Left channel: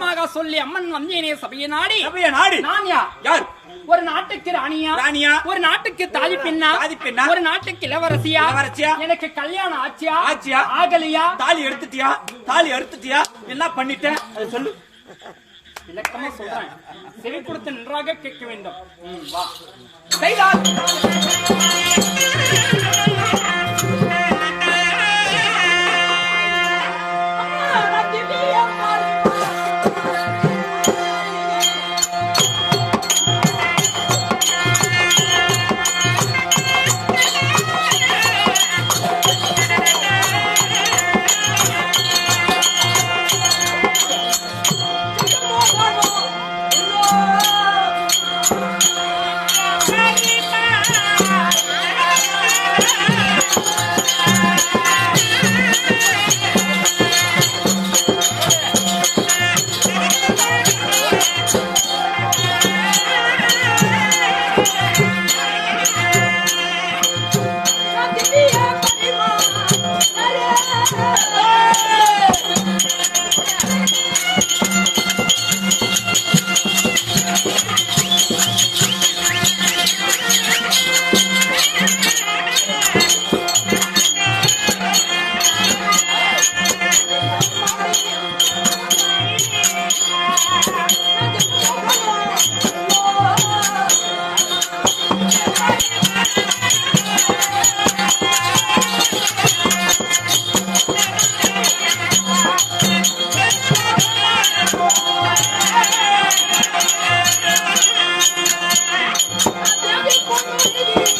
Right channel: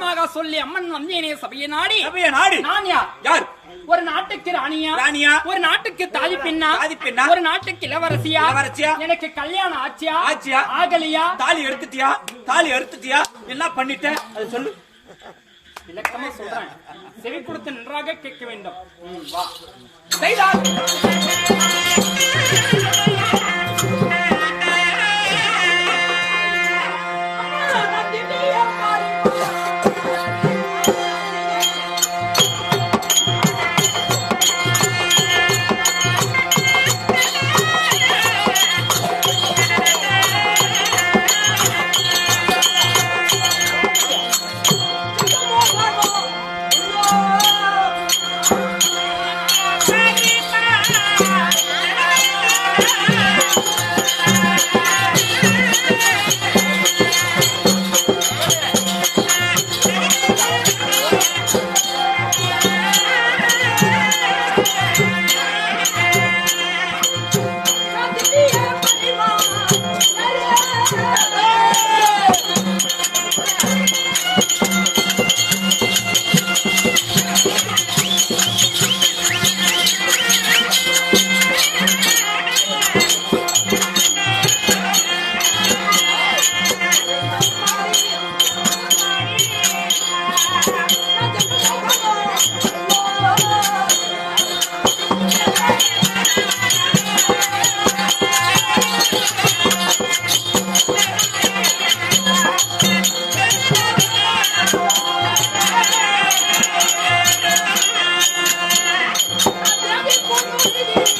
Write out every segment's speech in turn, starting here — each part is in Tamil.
விதமாக சொல்லி அம்மன் வந்தேனே சபையை நாடி. சபைய நாடு. நான் யார்? யார்? ஒரு நாட்டுக்கு ராணியா? ராணியா? ஒரு நாட்டுக்கு தாதி பெண்ணா தாதி பெண்ணா? ஒரு நாட்டுக்கு இளவரசியா? இளவரசியா? எனக்கு கல்யாணம் ஆச்சியா? ஆச்சியா? ஆகலையா? தாலி எடுத்துட்டியா? தாலி அறுத்துட்டியா என்ன பண்ணிட்ட அது சொல்லு. விளக்கமா சொல்றேன். செவி கொடுத்து நன்றாக கேட்க வேண்டும். வா. செய்தால்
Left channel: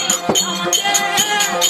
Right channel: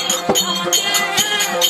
இந்த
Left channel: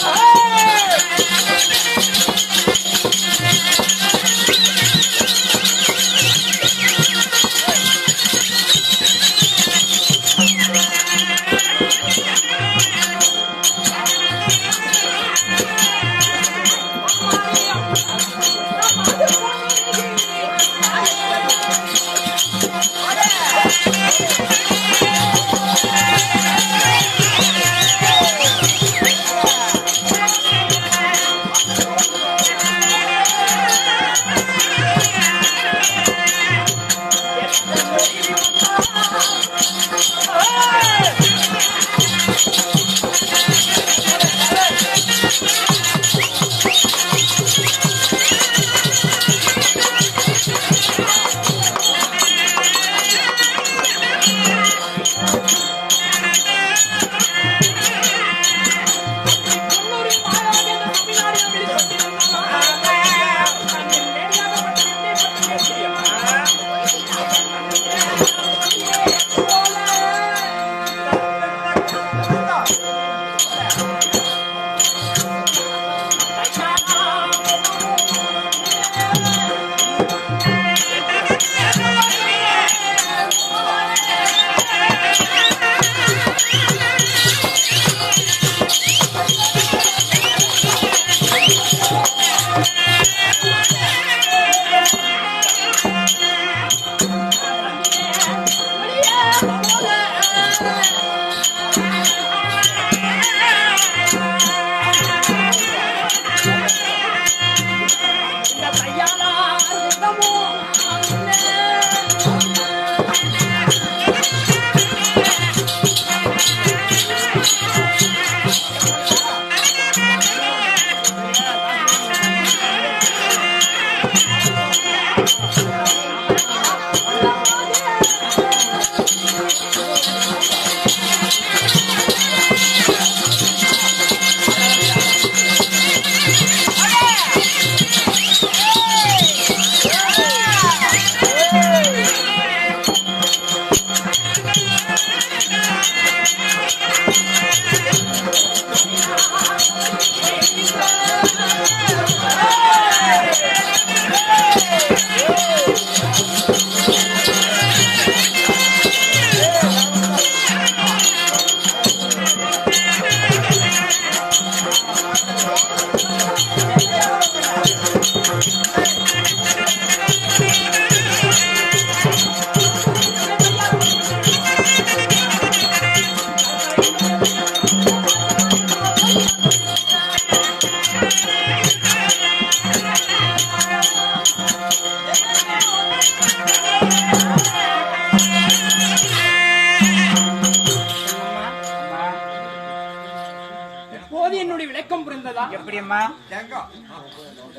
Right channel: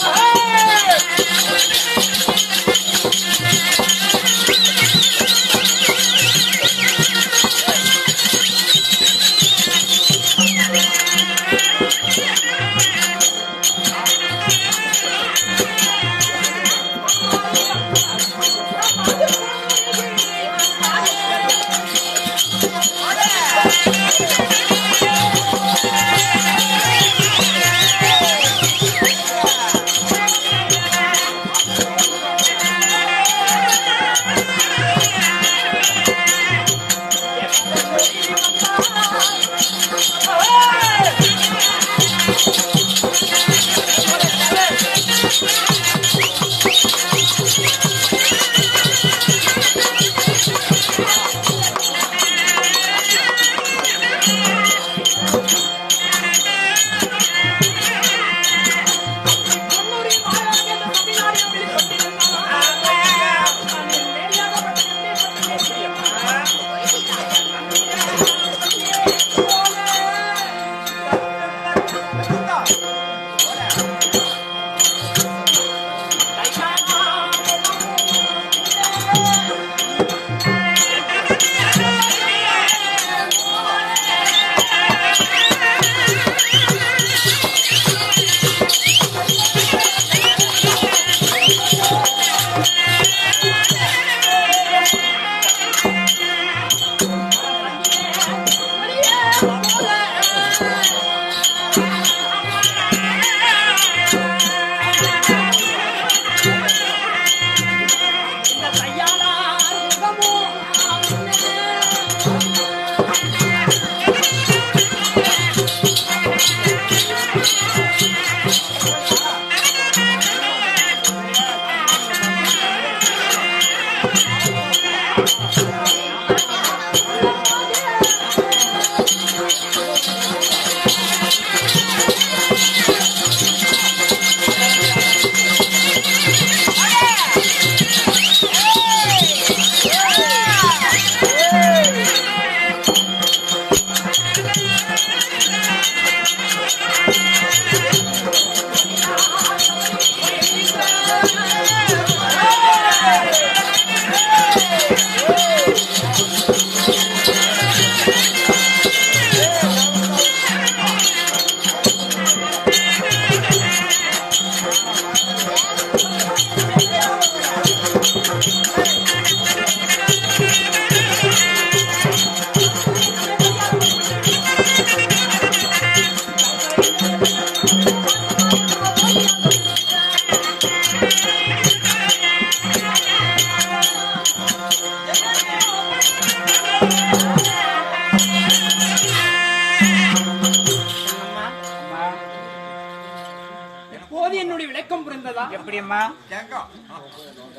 எப்படியம்மா?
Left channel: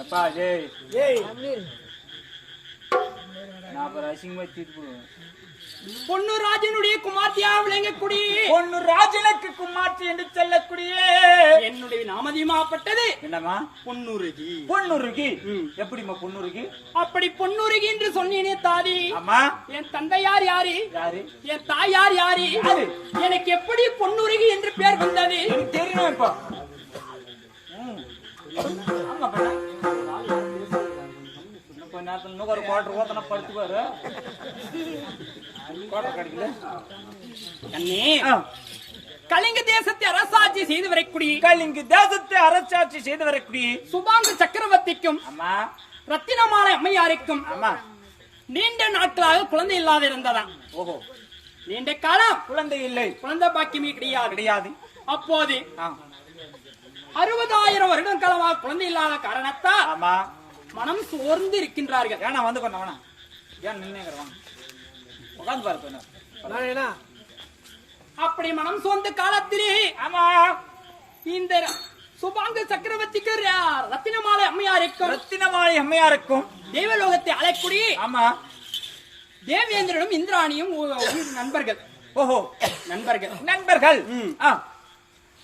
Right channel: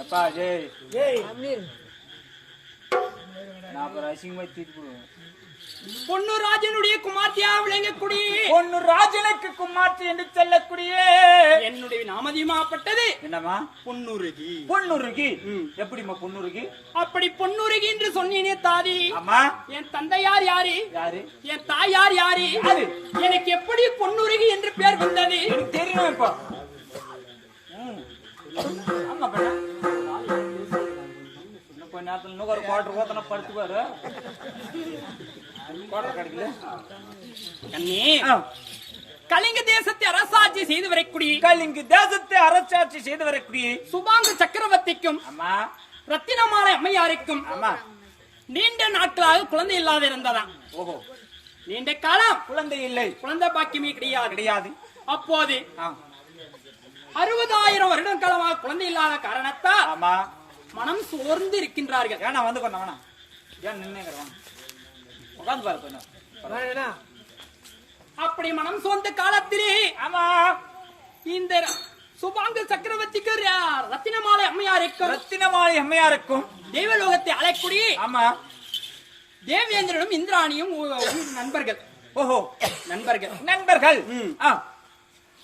எப்பா ஜெய். நான் அப்புறம் அசிங்கமா தீர்ப்பு போடுவேன். பொண்ணு ராஜனுடைய குமார்த்தியா விளங்கக்கூடிய. பொண்ணு ராஜனுக்கு குமார்த்தி என்று சொல்லக்கூடிய. என்னுடைய நாமதியமாப்பட்டது என்னம்மா? பொன்னுருகி. பொண்ணுருகி எப்படிம்மா பொண்ணுருகி அப்படி பொன்னுருகி என்று சொன்னீனே தாதி. அம்மா என் தந்தையார் யாரு? யாரு? என் தாயார் யாரு? யாரு? எனக்கு எப்படி பொன்னுருகி என்று பெயர் வந்தது? எனக்கு தெரியும் இப்போ கொஞ்ச நேரத்துல இன்னும் ஒரு குவார்டர் ஓத்தனா படுத்துக்குவாரு குவார்டர் கிடைக்கல அண்ணே ஆ. கலிங்க தேசத்தை அரசாட்சி செய்து வரக்கூடிய கலிங்கு தேசத்தை அரசாட்சி செய்து வரக்கூடிய சுபாங்க சக்கரவர்த்திக்கும் அம்மா. ரத்தினமாலை அம்மையாருக்கும் அம்மா. நீண்ட நாட்களாக குழந்தை இல்லாத இருந்ததாம். ஓஹோ. நீண்ட காலம் குழந்தை இல்லை. குழந்தை பாக்கியமே கிடையாது. கிடையாது. அப்போது. அறுபதாயிரம் வருடம் காலமாக குழந்தை இல்லாத காரணத்தால் ஆமா. மனம் சோர்ந்து இருக்கின்றார்கள் ஏன்னா வந்து கொண்ட வேணா ஏன் நின்னே வாங்க. உட்காந்து பாரு அப்படி மனம் சோர்ந்த காலத்திலே ஆமா. இந்த சுபாங்க சக்கரவர்த்திக்கு ரத்தினமாலை அம்மையாருக்கும் ரத்தினமாளி அம்மையாருக்கும் தேவலோகத்தை அழைக்கூடிய ஆமா. தேவேந்திரனும் இந்திராணியும் நண்பர்கள். ஓஹோ. நண்பர்கள். நண்பர்கள். ஆ.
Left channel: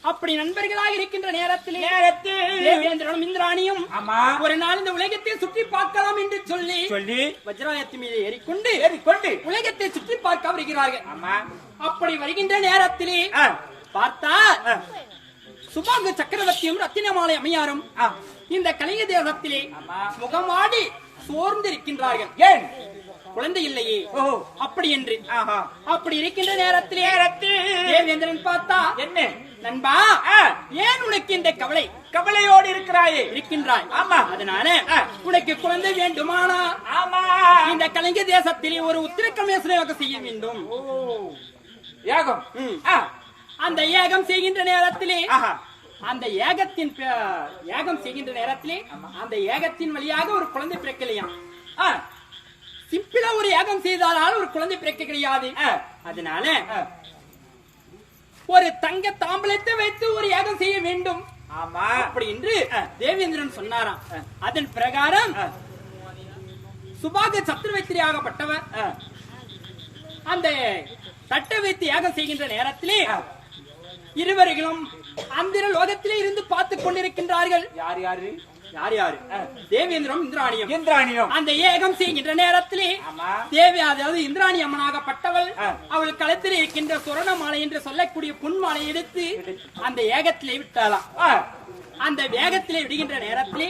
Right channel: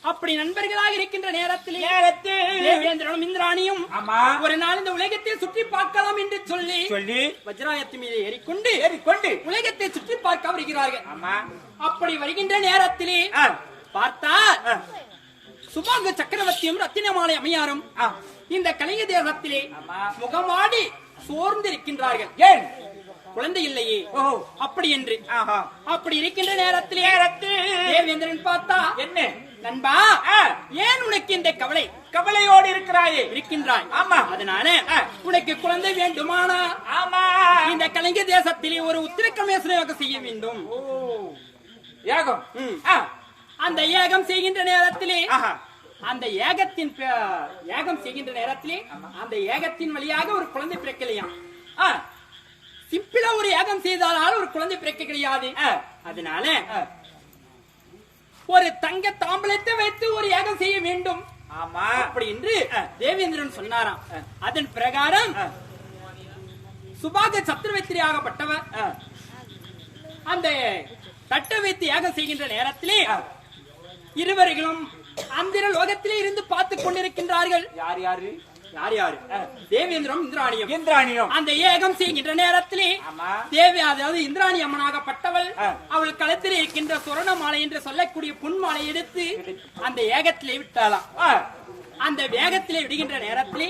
அப்படி நண்பர்களாக இருக்கின்ற நேரத்திலே நேரத்தில் இந்திராணியும் ஆமா. ஒரு நாள் இந்த உலகத்தை சுற்றி பார்க்கலாம் என்று சொல்லி சொல்லி வஜ்ராயத்து மீது ஏறிக்கொண்டு ஏறிக்கொண்டு உலகத்தை சுற்றி பார்க்க வருகிறார்கள். ஆமா. அப்படி வருகின்ற நேரத்திலே. பார்த்தா சுபாங்க சக்கரவர்த்தியும் ரத்தினமாலை அம்மையாரும் ஆ. இந்த கலிங்க தேசத்திலே ஆமா. முகமாடி சோர்ந்து இருக்கின்றார்கள் ஏன்? குழந்தை இல்லையே. ஓஹோ. அப்படி என்று. ஆஹா. அப்படி இருக்கின்ற நேரத்திலே நேரத்தில் பார்த்தா என்ன? நண்பா ஆ. ஏன் உனக்கு இந்த கவலை கவலையோடு இருக்கிறாயே இருக்கின்றாய் ஆமா. அதனால. உனக்கு குழந்தை வேண்டுமானா ஆமா இந்த கலிங்க தேசத்திலே ஒரு உத்திரக்கமேசனையாக செய்ய வேண்டும் ஓ யாகம் ம். ஆ. அந்த ஏகம் செய்கின்ற நேரத்திலே அந்த ஏகத்தின் ஏகம் செய்கின்ற நேரத்திலே அந்த ஏகத்தின் வழியாக ஒரு குழந்தை பிறக்கலையாம் ஆ. சிம்பிளா ஒரு ஏகம் செய்தால் ஒரு குழந்தை பிறக்க கிடையாது. அதனால. ஒரு தங்க தாம்பலத்தை வைத்து ஒரு யாகம் செய்ய வேண்டும். ஆமா. அப்படி என்று தேவேந்திரன் சொன்னாராம். அதன் பிரகாரம். சுபாக சத்திரவர்த்தி ஆகப்பட்டவர். அந்த தட்டை வைத்து யாகம் செய்கின்ற நேரத்திலே இருவர்களும் அந்திர லோகத்திலே இருந்து பார்த்துக் கொண்டிருக்கின்றார்கள். யார் யாரு? யார் யாரு? தேவேந்திரம் இந்திராணியம். இந்திராணியம். அந்த ஏகம் செய்கின்ற நேரத்திலே தேவி அதாவது இந்திராணி அம்மனாகப்பட்டவள். அவள் களத்தில் இருக்கின்ற சுரண மாலை என்று சொல்லக்கூடிய புன்மாலை எடுத்து அந்த ஏகத்திலே விட்டாளாம். அந்த வேகத்திலே விடுகின்ற நேரத்திலே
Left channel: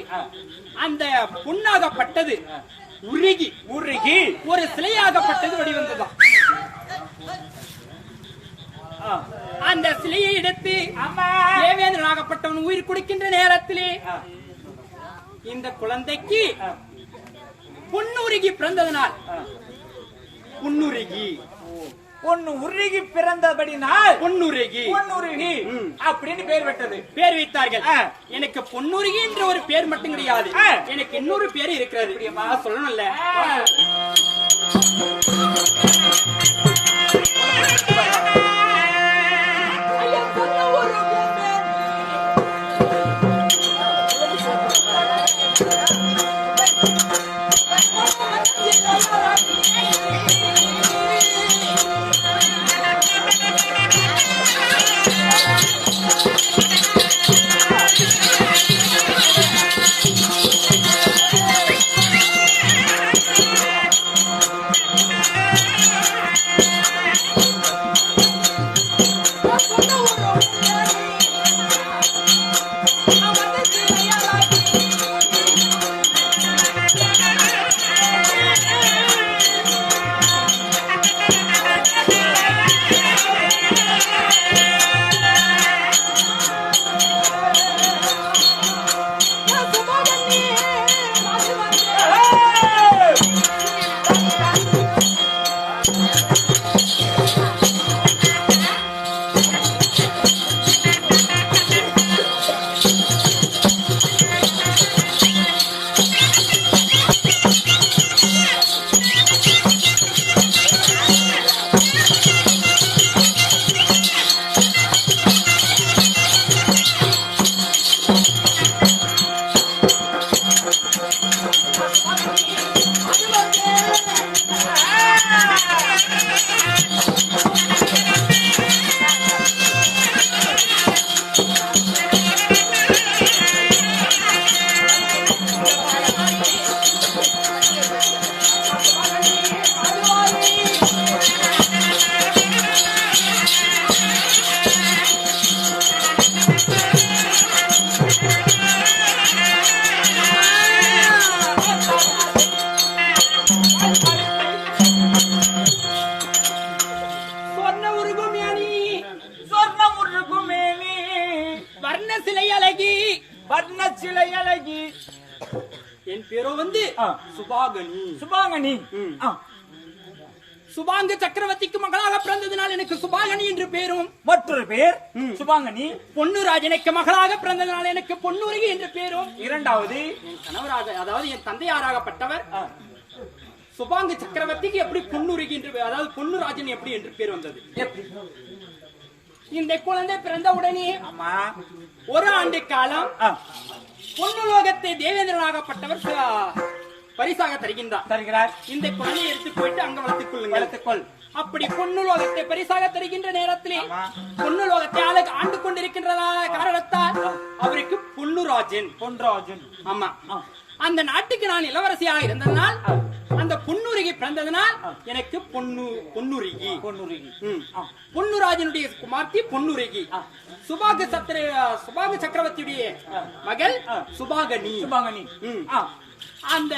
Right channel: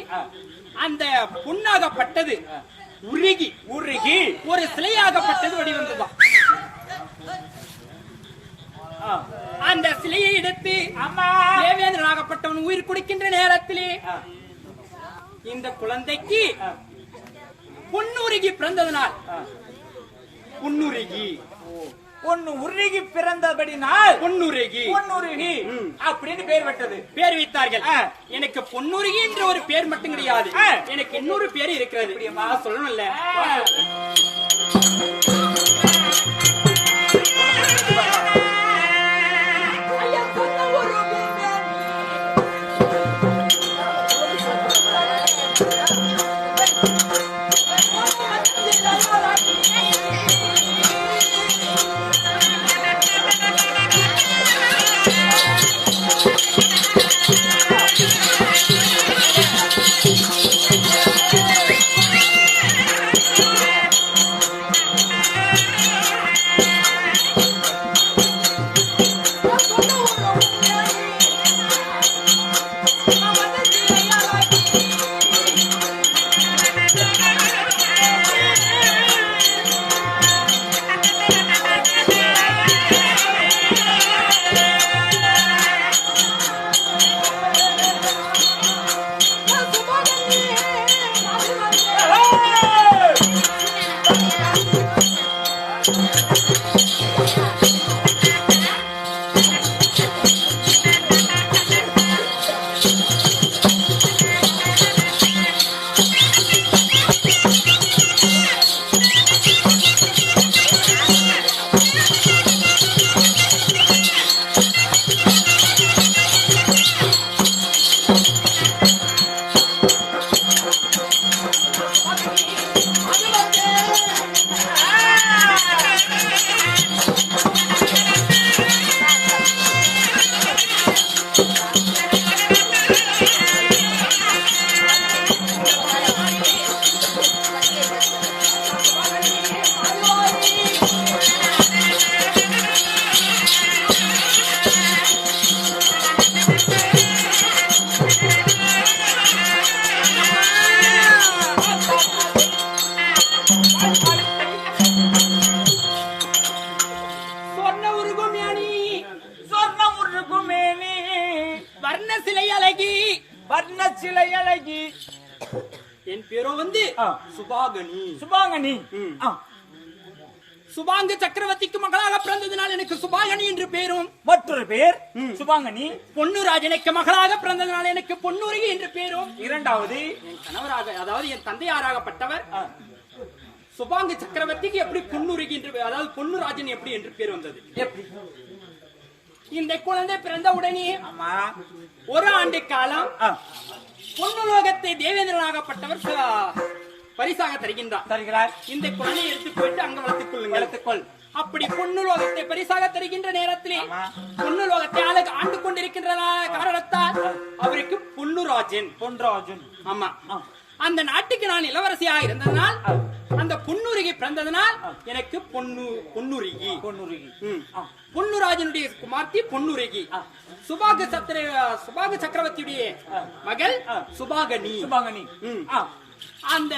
அந்த புண்ணாகப்பட்டது உருகி உருகி. ஒரு சிலையாகப்பட்டது வடிவந்ததாம் ஆ. அந்த சிலையை எடுத்து ஆமா. தேவேந்திரனாகப்பட்டவன் உயிர் குடிக்கின்ற நேரத்திலே. இந்த குழந்தைக்கு புன்னுருகி பிறந்ததனால். புன்னுருகி பொண்ணு உருகி பிறந்தபடினால் பொன்னுருகி பொன்னுருகி. அப்படின்னு பேர் விட்டது பேர் வைத்தார்கள். எனக்கு பொன்னுருகி என்ற ஒரு பேர் மட்டும் கிடையாது. எனக்கு இன்னொரு பேர் இருக்கிறது? சொல்லணும்ல சுபாங்கனி. சுபாங்க சக்கரவர்த்திக்கு மகளாக பிறந்ததினால் எனக்கு சுபாகனி என்று பேரும். மற்றொரு பேர் சுபாங்கனி. பொன்னுராஜனுக்கு மகளாக பிறந்ததினால் எனக்கு பொன்னுருகி என்று பேரும். இரண்டாவது. கணவராக அதாவது என் தந்தையாராகப்பட்டவர். சுபாங்க சக்கரவர்த்திக்கு எப்படி பொன்னுருகி என்று அதாவது பொன்னுராஜன் எப்படி என்று பேர் வந்தது? எப்படி? இந்த குழந்தை பிறந்த உடனே ஆமா. ஒரு ஆண்டு காலம். பொன்னுலோகத்தை தேவேந்திரனாகப்பட்டவர் பரிசாக தருகின்றார் தருகிறார் இந்த குழந்தையை எடுத்து போயிட்டு அங்க வளர்த்துக் கொள்ளுங்கள் வளர்த்துக்கொள் அப்படி பொன்னுலோகத்தை பரிசாக தருகின்ற நேரத்திலே. பொன்னுலோகத்தை ஆள- ஆண்டு கொண்டிருக்கின்றதான காரணத்தால் அவருக்கு பொன்னுராஜன் பொன்ராஜன் ஆமா. அந்த நாட்டுக்கு நான் இளவரசியாக இருந்ததனால். அந்த பொன்னுருகி பிறந்ததனால் எனக்கு பொன்னு பொன்னுருகி பொன்னுருகி. பொன்னுராஜனுடைய குமார்த்தி பொன்னுருகி. சுபாக சத்திர சுபாக சக்கரவர்த்தியுடைய. மகள். சுபாகனி. ஆ. அந்த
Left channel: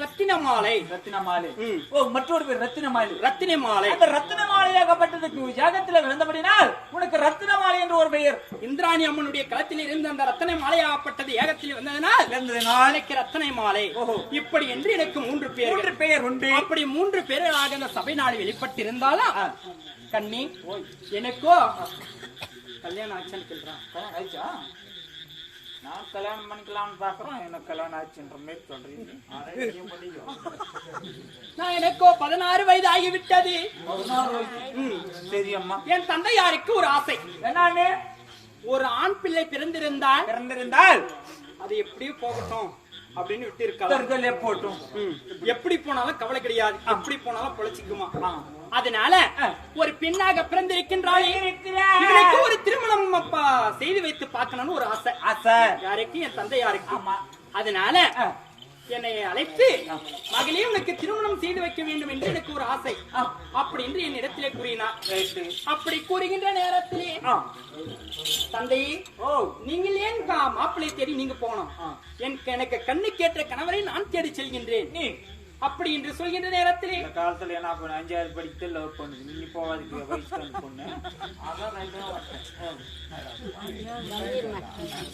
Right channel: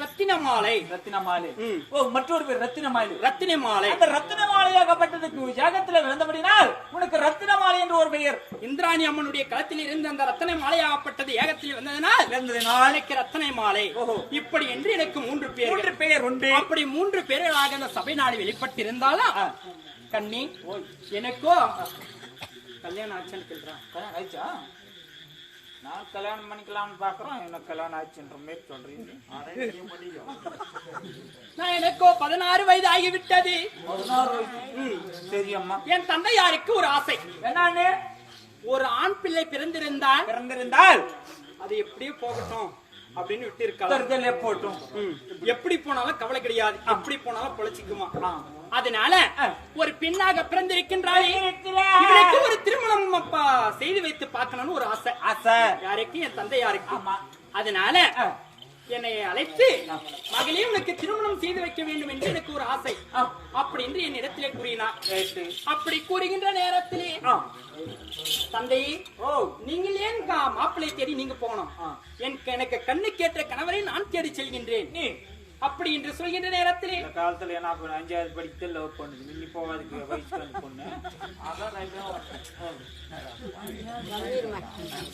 ரத்தின மாலை ரத்தின மாலை. ஓ மற்றொரு பேர் ரத்தின மாலை ரத்தின மாலை அந்த ரத்தின மாலையாகப்பட்டதுக்கு யாகத்துல விழுந்தபடினால் உனக்கு ரத்தின மாலை என்று ஒரு பெயர். இந்திராணி அம்மனுடைய களத்தில் இருந்து அந்த ரத்தனை மாலையாகப்பட்டது ஏகத்தில் வந்ததனால் இருந்ததினால் எனக்கு ரத்தனை மாலை இப்படி என்று எனக்கு மூன்று பேர் மூன்று பெயர் உண்டு. அப்படி மூன்று பேர்களாக அந்த சபை நாடு வெளிப்பட்டிருந்தாலும். கண்ணி எனக்கோ? கல்யாணம் ஆச்சுன்னு சொல்றான். கல்யாணம் ஆயிடுச்சா? நான் கல்யாணம் பண்ணிக்கலாம்னு பாக்குறோம் எனக்கு கல்யாணம் ஆச்சுன்ற மாதிரி சொல்றீங்க. நான் எனக்கோ பதினாறு வயது ஆகிவிட்டது பதினாறு வயசு ம். சரி அம்மா. என் தந்தையாருக்கு ஒரு ஆசை. என்னன்னு? ஒரு ஆண் பிள்ளை பிறந்திருந்தால் பிறந்திருந்தால்? அது எப்படியோ போகட்டும் அப்படின்னு விட்டு இருக்கலாம் போட்டும். ம். எப்படி போனாலும் கவலை கிடையாது. எப்படி போனாலும் பொழைச்சிக்குமா. அதனால ஒரு பெண்ணாக பிறந்திருக்கின்றாள் ஒரு திருமணம் அப்பா செய்து வைத்து பார்க்கணும்னு ஒரு ஆசை. ஆசை. யாருக்கு என் தந்தையாருக்கு ஆமா. அதனால என்னை அழைத்து மகளே உனக்கு திருமணம் செய்து வைக்க வேண்டும் என்று எனக்கு ஒரு ஆசை. அப்படி என்று என் இடத்திலே கூறினார். அப்படி கூறுகின்ற நேரத்திலே ஆ. தந்தையே ஓ. நீங்கள் ஏன் மாப்பிள்ளை தேடி நீங்க போனோம். என் எனக்கு கண்ணு கேட்ட கணவரை நான் தேடி செல்கின்றேன். அப்படி என்று சொல்கின்ற நேரத்திலே இந்த காலத்துல என்ன பண்ண அஞ்சாவது படித்து லவ் பண்ணுது. இன்னி போவாதுக்கு வயசுக்கு பொண்ணு.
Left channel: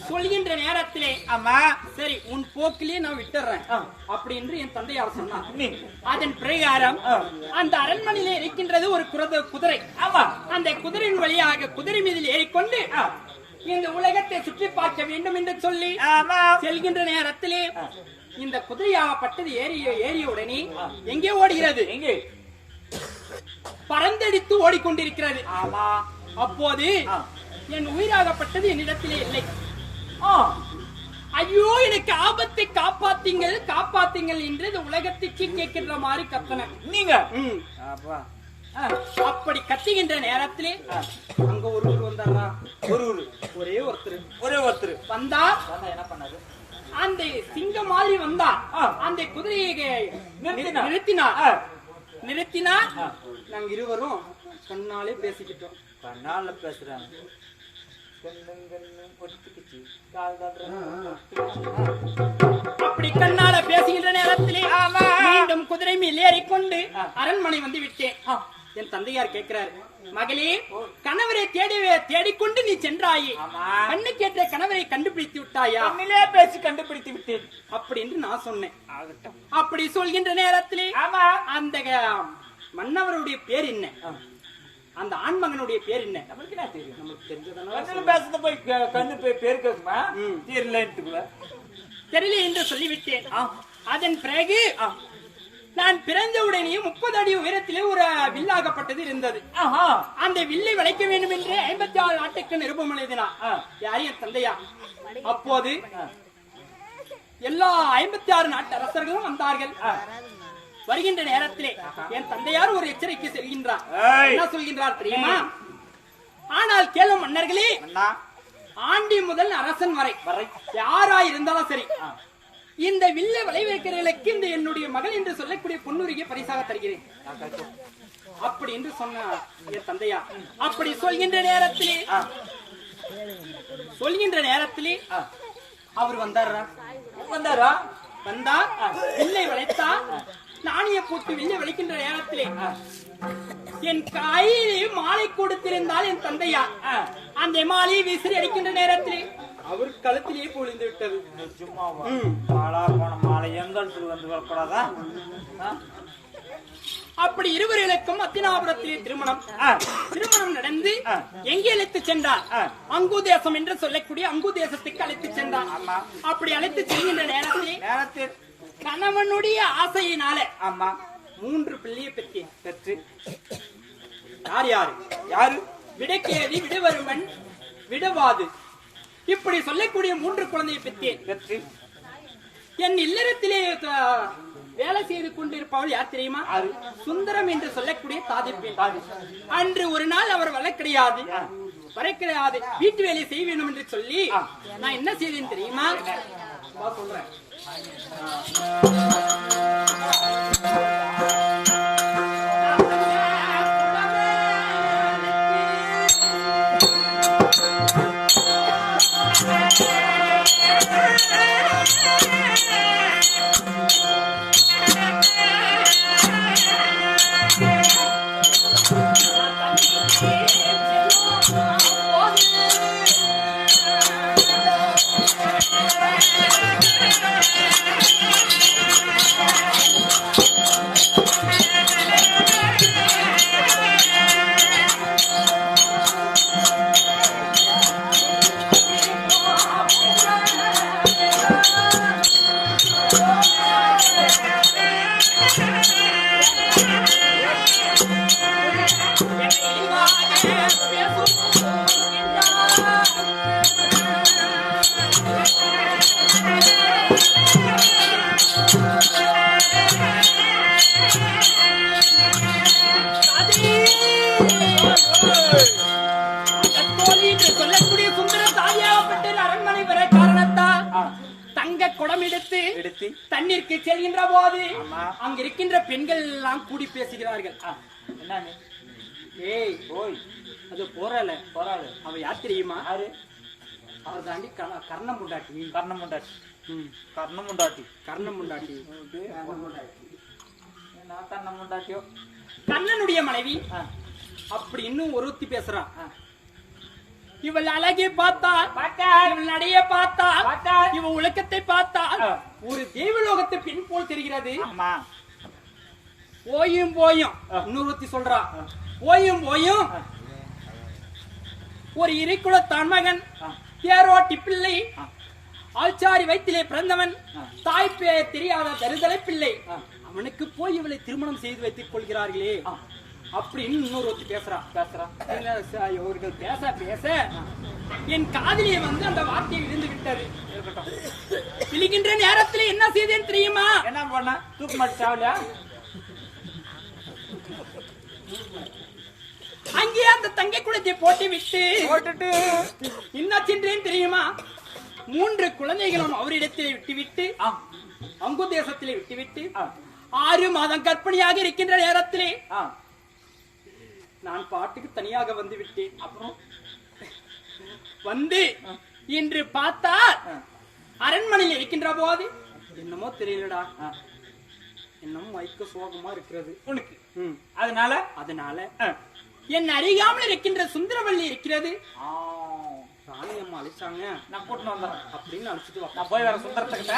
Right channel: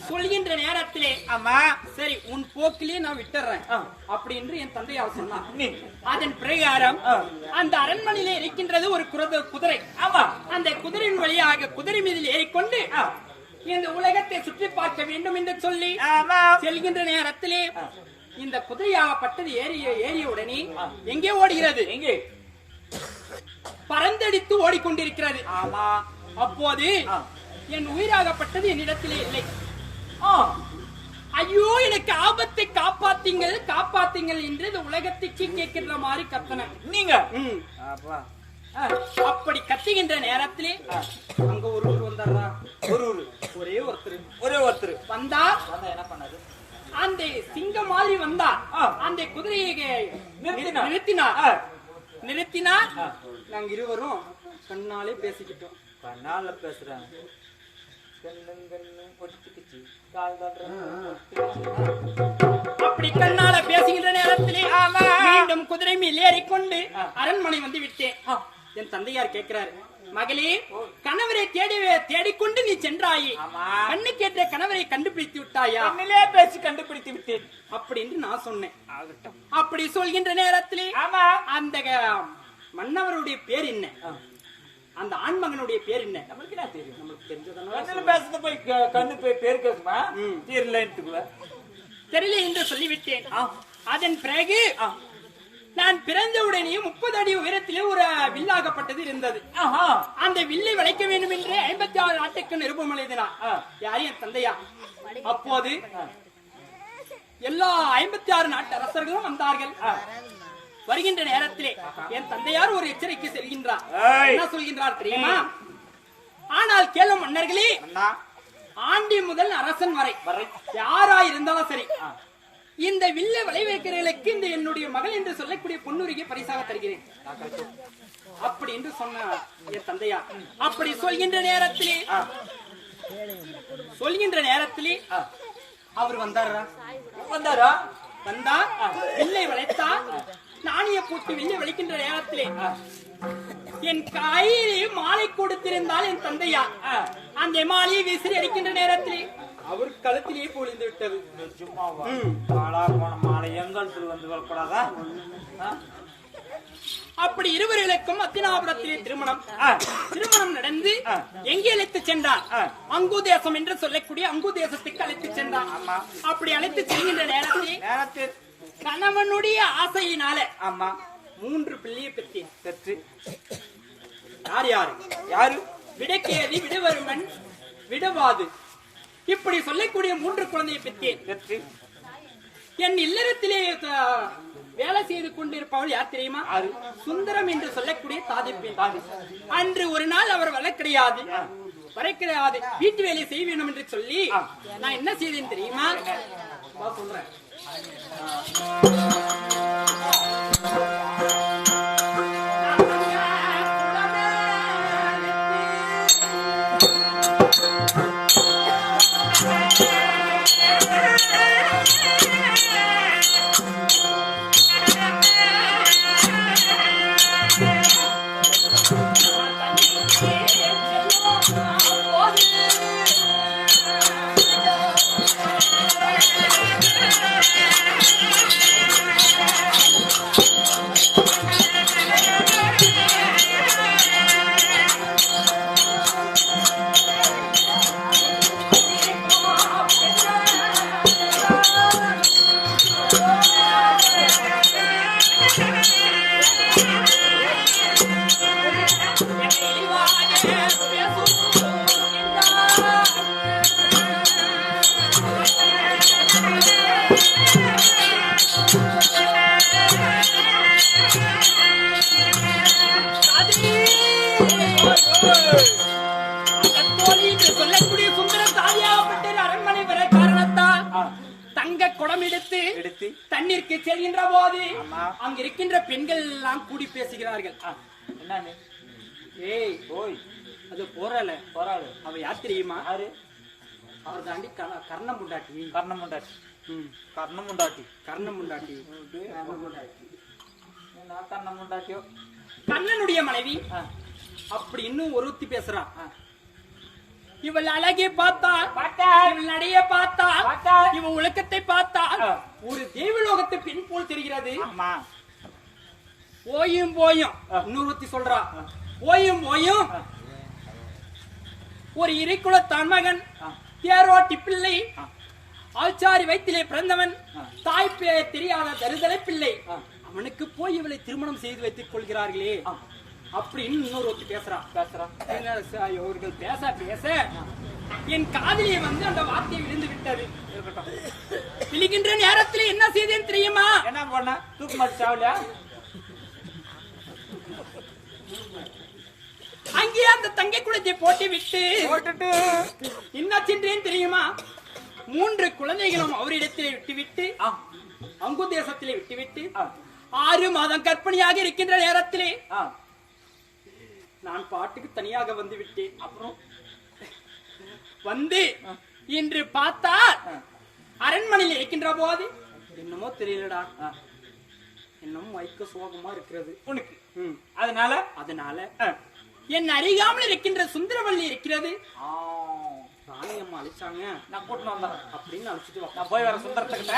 சொல்கின்ற நேரத்திலே ஆமா சரி உன் போக்கிலே நான் விட்டுறேன். அப்படி என்று என் தந்தையார் சொன்னார். நீ. அதன் பிரகாரம். அந்த அரண்மனையிலே இருக்கின்றது ஒரு குரத குதிரை. ஆமா அந்த குதிரையின் வழியாக குதிரை மீதில் ஏறிக்கொண்டு இந்த உலகத்தை சுற்றி பார்க்க வேண்டும் என்று சொல்லி செல்கின்ற நேரத்திலே இந்த குதிரையாகப்பட்டது ஏறிய ஏறிய உடனே எங்கே ஓடுகிறது? எங்கே? பறந்தடித்து ஓடிக்கொண்டிருக்கிறது. ஆமா அப்போது. என் உயிராகப்பட்டது என்னிடத்திலே இல்லை. ஆ. ஐயோ எனக்கு ஆபத்தை காப்பாத்தீங்கள் காப்பாத்தீங்கள் என்று இந்த உலகத்துக்கு கேட்கின்ற மாதிரி கத்தன நீங்க அப்படி கத்துகின்ற நேரத்திலே அங்க ஒரு ஊர் வந்தாரா? ஒரு ஒரு ஒரே ஒருத்தர். ஒரே ஒருத்தர். வந்தா? வந்தா என்ன பண்ணாரு? அந்த சிங்கம் மாதிரி வந்தா ஆ. அந்த குதிரையை நிறுத்தினார். ஆ. நாங்க இருவரும் கண்ணாலே பேசிக்கிட்டோம். கண்ணால பேசுறாங்க. கண்ணு கண்ணு பொட்டுக்குச்சு கால் தட்டுறாங்க அப்படி கண்ணால பேசுகின்ற நேரத்திலே ஆமா. மீண்டும் குதிரை மேல் ஏறிக்கொண்டு ஆ. அரண்மனை வந்து விட்டேன் என் தந்தையார் கேட்கிறாரு மகளே கணவரை தேடி தேடிக்கொண்டு நீ சென்றாயே. கண்ணு கேட்ட கணவரை கண்டுபிடித்து விட்டாயா? கண்ணிலே பேசி கண்டுபிடித்து விட்டேன். அப்படி என்று நான் சொன்னேன். அப்படி சொல்கின்ற நேரத்திலே ஆமா. அந்த மன்னவருடைய பேர் என்ன? அந்த ஆண்மகனுடைய பேர் என்ன? நம்மளுக்கு என்ன தெரியும்? நமக்கு தெரிஞ்சதெல்லாம் கண்ணுல பேசுறது போய் கண்ணு போய் பேர் கேக்குமா? ம். தெரியலன்ட்டுக்குள்ள தெரியல என்று சொல்லிவிட்டேன். அதன் பிறகு நான் பிறந்தவுடனே முப்பது அடி உயரத்திலே ஒரு வில்லாகப்பட்டது இருந்தது. அந்த வில்லை வளைக்க வேண்டும் என்று ஐம்பத்தி ஆறு நாட்டுக்கு நிருபம். யார் என் தந்தையா? அப்போது எல்லா ஐம்பத்தி ஆறு நாட்டு அரசர்களும் வந்தார்கள் வருகின்ற நேரத்திலே என் தந்தையார் ஒரு எச்சரிக்கை செல்கின்றார். என்ன சொல்கின்றார் தெரியுமா? ஆனால் கேளும் மன்னர்களே ஆண்டி முதல் அரசன் வரை வரை. யாரா இருந்தாலும் சரி. இந்த வில்ல விளைவிக்கிறவர்களுக்கு இந்த என்னுடைய மகள் என்று சொல்லக்கூடிய பொன்னுரியை பரிசாக தருகிறேன். அப்படி என்று சொன்ன என் தந்தையா? அப்படி சொல்கின்ற நேரத்திலே சொல்கின்ற நேரத்திலே அவர் வந்தாரா? வந்தாரா? வந்தா வில்லை வளைத்தா நாணய போட்டு வில்லை வளைக்கின்ற நேரத்திலே என் கையிலே மாலை கொடுத்திருந்தால் என் தந்தையா? அந்த மாலையை விசிறி அடிக்கின்ற நேரத்திலே அவர் கழுத்திலேயே பொழிந்து விட்டது நிஜமாவா ம். பாலா போன மாலை எங்களுக்கு வந்து வரக்கூடாதா? அப்படி இருவர்களுக்கும் அத்தினாபுரத்திலே திருமணம். திருமணம் நடந்து. எங்கே அழைத்து சென்றார். அங்கு தேசம் என்று சொல்லக்கூடிய அங்கு தேசத்துக்கு அழைத்து சென்றார் ஆமா. அப்படி அழைத்து செல்கின்ற நேரத்தில் நேரத்தில் கணவனுடைய ஆசையினால ஆமா மூன்று பிள்ளையை பெற்றேன் பெற்று யார் யாரு யாரு விடக்கேதி விடுவருமன் விடவாது இப்படி சொல்லக்கூடிய மூன்று குழந்தையை பெற்றேன் பெற்று என் இல்லறத்திலே வேலை செய்து கொண்டிருப்பவள் யார் தெரியுமா? சுந்தரம் என்று சொல்லக்கூடிய தாதி பெண். அன்று ஒரு நாள் அவர் வர கிடையாது. வர கிடையாது வீட்டு வேலை செய்ய வேண்டும் என்று சொல்லி. நான் என்ன செய்தேன் தெரியுமா சொல்றேன் தண்ணீருக்கு செல்கின்ற போது. அங்க இருக்கின்ற பெண்கள் எல்லாம் கூடி பேசுகிறார்கள். ஆ, என்ன நீ ஏய் ஓய். அது போறல போறாது அவ யார் தெரியுமா? யாரு? அவர் தாண்டி கர்ண- கர்ணம் முண்டாட்டி. கர்ணம் முண்டாட்டி. கர்ணம் முண்டாட்டி. கர்ணம் முண்டாட்டி. கர்ணம் முண்டாட்டியோ? கண்ணனுடைய மனைவி அப்படி இன்னும் ஒருத்தி பேசுறா. ஆ. இவள் அழகை பார்த்தா பார்த்தா. இவள் நடைய பார்த்தா பார்த்தா. இவ ஒழுக்கத்தை பார்த்தா. ஒரு தேவலோகத்து பெண் போல் தெரிகிறது போயும் போயும். இன்னொருத்தி சொல்றா போயும் போயும். ஒரு இறைக்குலத்தான் மகன் ஆ. தேரோட்டி பிள்ளை. ஆச்சாரி வயிற்றிலே பிறந்தவன். தாய் தெரியாத தருதலை பிள்ளை. அவனுக்கு போய் இவளை திருமணம் செய்து வைத்துக் கொள்கிறார்களே. அப்படின்னு இன்னொரு ஒருத்தி பேசுறா. பேசுறான் என்ன ச- இவர்கள் பேச பேச. என் காதிலே வந்து அந்த வார்த்தை விழுந்து விட்டது. இருக்கட்டும். விழுகின்ற நேரத்தில் என்ன செய்தேன் தெரியுமா? என்ன பண்ண? தூக்கு மாட்டி சாவலியா அங்கே அந்த தங்கை குளத்தை போட்டு விட்டு போட்டுட்டு. என்ன சென்றேன் தெரியுமா? மூன்று குழந்தைகளும் அவரிடத்திலே விட்டுவிட்டு ஆ, அங்கு தேசத்திலே விட்டுவிட்டு ஆறு மாதம் கற்பனையாக இருக்கின்ற நேரத்திலே ஆ. நான் பாட்டுக்கு தனியாக வந்து விட்டேன் அப்புறம் வந்து இன்று பார்த்தால் ஆ. அரண்மனையில் இருக்கின்ற போது என்னமோ தெரியலடா ஆ. என்னமோ வைக்க சோகமா இருக்கிறது உனக்கு. அதனால அதனால. என் அறியாமல் இருக்கின்ற சுந்தரவல்லி இருக்கிறது ஆ, ராணி அம்மா அழைச்சாங்க நான் கூட்டின்னு வந்துடுறேன் அப்படின்னு அழைச்சிட்டு நான் போய் வர சுந்தரத்துக்கிட்ட